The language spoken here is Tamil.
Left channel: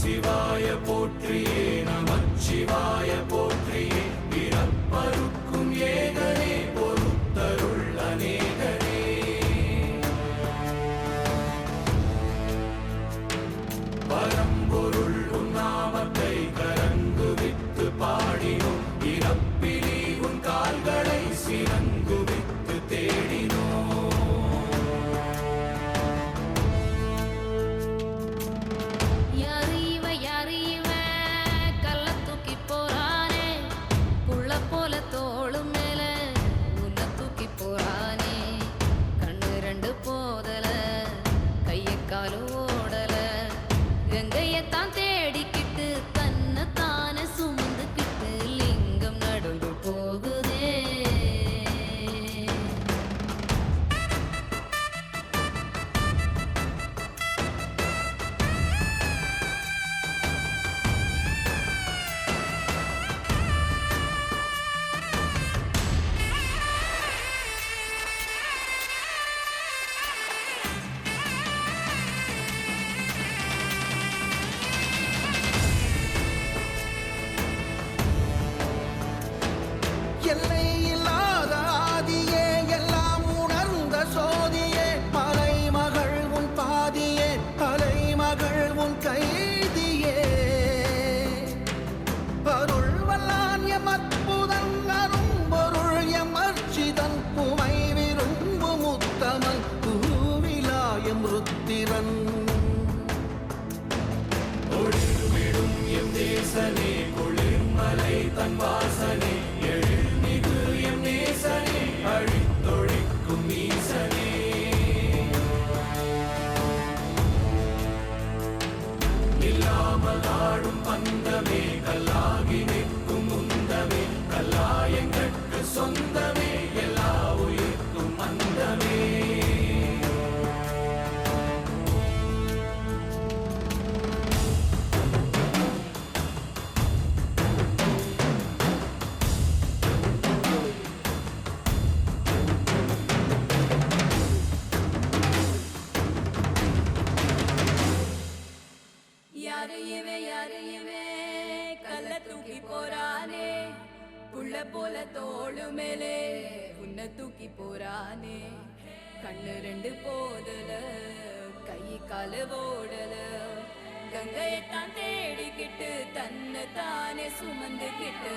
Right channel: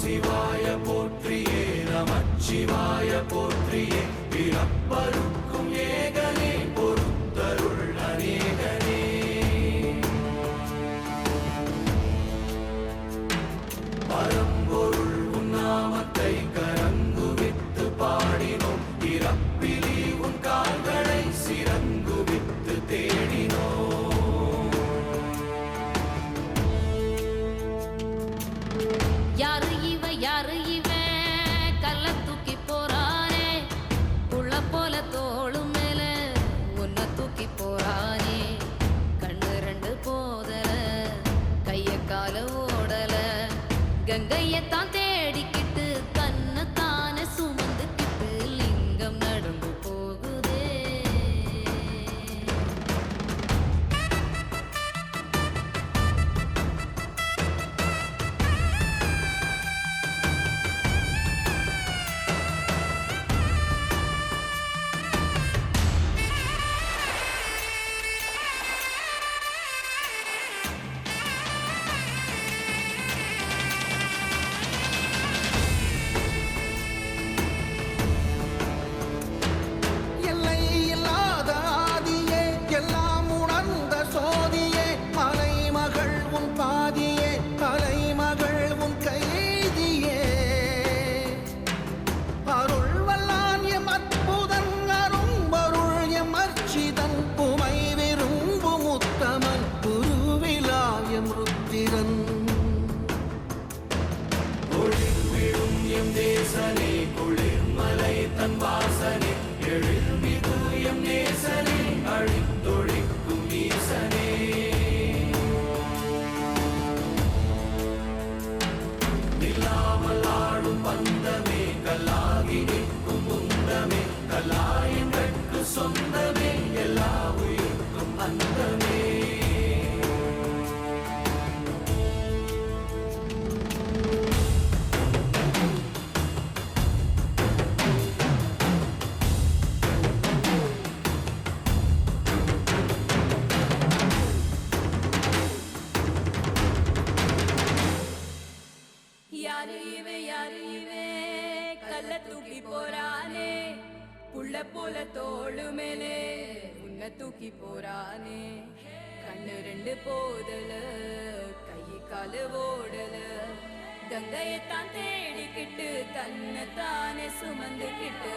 சிவாய போற்றியே நமச்சிவாய போற்றியே பிறப்பருக்கும் ஏகனே பொறுத்தருள் அநேகனே பரம்பொருள் உன்னாமத்தை கரங்குவித்து பாடினோம் இறப்பிலி உன் கால்களை சிறங்குவித்து தேடினோம் சொந்தமே எல்லா உயிர்க்கும் அந்தமே யாரு இவே கல்ல தூக்கி போறானே புள்ள போல தோளு மேலே உன்னை தூக்கி போறானே கண்ணு ரெண்டு போதல கை கால ஓடல கங்கையத்தான் தேடிக்கிட்டு தன்னை தானே சுமந்துக்கிட்டு